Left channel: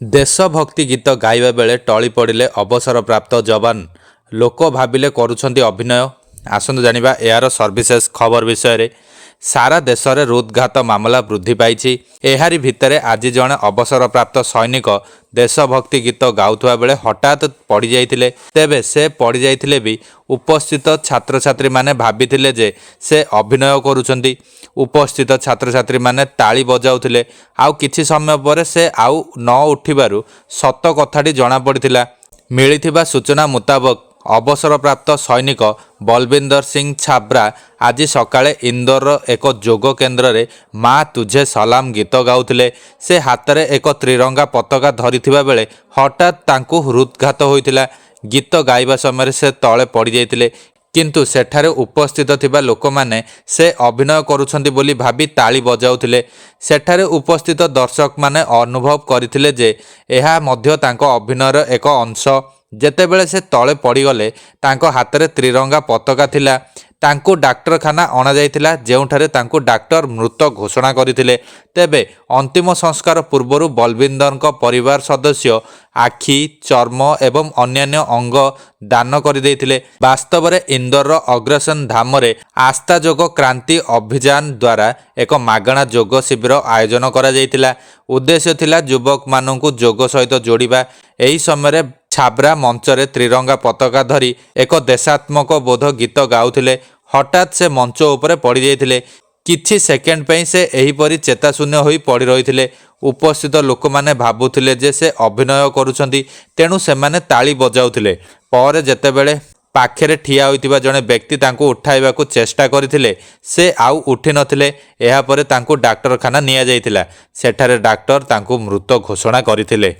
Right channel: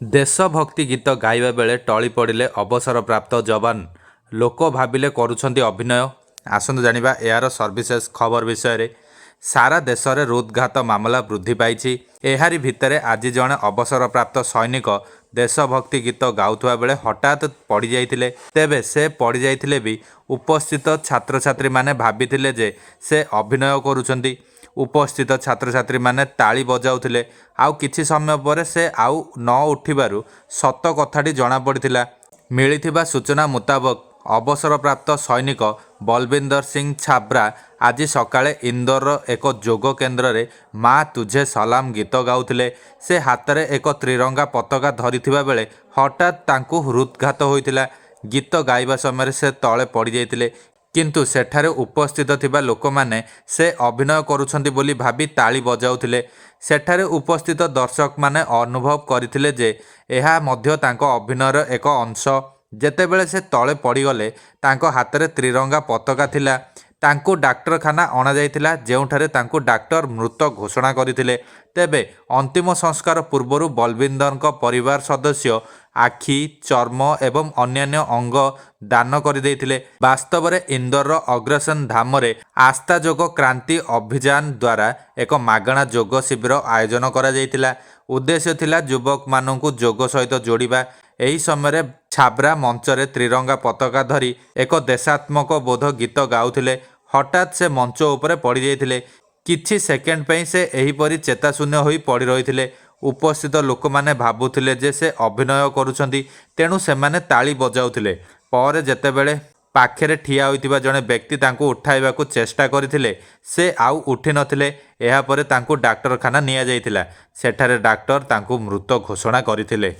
ଦେଶଭକ୍ତି ଗୀତ ଗାଇବା ବେଳେ ଟଳି ପଡ଼ିଲେ ଅବସରପ୍ରାପ୍ତ ଯବାନ। ଲୋକ ଭାବିଲେ କରୁଛନ୍ତି ଅଭିନୟ। ଆସନ୍ତୁ ଜାଣିବା ଏହାର ସର୍ଭିସେସ୍ ଖବର ବିଷୟରେ। ସାରା ଦେଶରେ ହୃଦଘାତ ମାମଲା ବୃଦ୍ଧି ପାଇଛି। ଏହାରି ଭିତରେ ଆଜି ଜଣେ ଅବସରପ୍ରାପ୍ତ ସୈନିକ ଦେଶଭକ୍ତି ଗୀତ ଗାଉଥିବା ବେଳେ ହଠାତ୍ ପଡ଼ିଯାଇଥିଲେ। ତେବେ ସେ ପଡ଼ିଯାଇଥିଲେ ବି ଉପସ୍ଥିତ ଛାତ୍ରଛାତ୍ରୀମାନେ ଭାବିଥିଲେ ଯେ ସେ ଅଭିନୟ କରୁଛନ୍ତି। ଉପସ୍ଥିତ ଛାତ୍ରଛାତ୍ରୀମାନେ ତାଳି ବଜାଉଥିଲେ। ଆଉ କିଛି ସମୟ ପରେ ସେ ଆଉ ନ ଉଠିବାରୁ ସତ କଥାଟି ଜଣାପଡ଼ିଥିଲା। ମିଳିଥିବା ସୂଚନା ମୁତାବକ ଅବସରପ୍ରାପ୍ତ ସୈନିକ ବଲବିନ୍ଦର ସିଂ ଛାବ୍ରା ଆଜି ସକାଳେ ଇନ୍ଦୋରର ଏକ ଯୋଗ କେନ୍ଦ୍ରରେ ମା ତୁଝେ ସଲାମ ଗୀତ ଗାଉଥିଲେ। ସେ ହାତରେ ଏକ ତ୍ରିରଙ୍ଗା ପତାକା ଧରିଥିବା ବେଳେ ହଠାତ୍ ତାଙ୍କୁ ହୃଦଘାତ ହୋଇଥିଲା। ଗୀତ ଗାଇବା ସମୟରେ ସେ ତଳେ ପଡ଼ିଯାଇଥିଲେ। କିନ୍ତୁ ସେଠାରେ ଉପସ୍ଥିତ ଥିବା ଲୋକମାନେ ସେ ଅଭିନୟ କରୁଛନ୍ତି ବୋଲି ଭାବି ତାଳି ବଜାଉଥିଲେ। ସେଠାରେ ଉପସ୍ଥିତ ଦର୍ଶକମାନେ ଅନୁଭବ କରିଥିଲେ ଯେ ଏହା ମଧ୍ୟ ତାଙ୍କ ଅଭିନୟର ଏକ ଅଂଶ। ଯେତେବେଳେ ସେ ତଳେ ପଡ଼ିଗଲେ ତାଙ୍କ ହାତରେ ତ୍ରିରଙ୍ଗା ପତାକା ଥିଲା। ତାଙ୍କୁ ଡାକ୍ତରଖାନା ଅଣାଯାଇଥିଲା, ଯେଉଁଠାରେ ତାଙ୍କୁ ଡାକ୍ତର ମୃତ ଘୋଷଣା କରିଥିଲେ। ତେବେ ଅନ୍ତିମ ସଂସ୍କାର ପୂର୍ବରୁ ବଲବିନ୍ଦରଙ୍କ ପରିବାର ସଦସ୍ୟ ଆଖି, ଚର୍ମ ଏବଂ ଅନ୍ୟାନ୍ୟ ଅଙ୍ଗ ଦାନ କରିଦେଇଥିଲେ। ବାସ୍ତବରେ ଇନ୍ଦୋରର ଅଗ୍ରସେନ ଧାମରେ ଆସ୍ଥା ଯୋଗ କ୍ରାନ୍ତି ଅଭିଯାନ ଦ୍ୱାରା ଏକ ମାଗଣା ଯୋଗ ଶିବିର ଆୟୋଜନ କରାଯାଇଥିଲା। ଉଦ୍ଦେଶ୍ୟ ଥିଲା ଯୁବକମାନଙ୍କୁ ଯୋଗ ସହିତ ଯୋଡ଼ିବା। ଏହି ସମୟରେ ଛାବ୍ରା ମଞ୍ଚରେ ତ୍ରିରଙ୍ଗା ପତାକା ଧରି ଏକ ଦେଶାତ୍ମକ ବୋଧ ଗୀତ ଗାଉଥିଲେ। ହଠାତ୍ ସେ ମଞ୍ଚ ଉପରେ ପଡ଼ିଯାଇଥିଲେ। କିଛି ସେକେଣ୍ଡ ପାଇଁ ସେ ଏହିପରି ଚେତାଶୂନ୍ୟ ହୋଇ ପଡ଼ି ରହିଥିଲେ। ଉପସ୍ଥିତ ଲୋକମାନେ ଭାବୁଥିଲେ ଯେ ସେ ଅଭିନୟ କରୁଛନ୍ତି, ତେଣୁ ସେମାନେ ତାଳି ବଜାଉଥିଲେ। ପରେ ଯେତେବେଳେ ପାଖରେ ଠିଆ ହୋଇଥିବା ଜଣେ ବ୍ୟକ୍ତି ତାଙ୍କୁ ଉଠାଇବାକୁ ଚେଷ୍ଟା କରିଥିଲେ, ସେ ଆଉ ଉଠିନଥିଲେ। ଏହାପରେ ତାଙ୍କୁ ଡାକ୍ତରଖାନା ନିଆଯାଇଥିଲା। ସେଠାରେ ଡାକ୍ତର ତାଙ୍କୁ ମୃତ ଘୋଷଣା କରିଥିଲେ।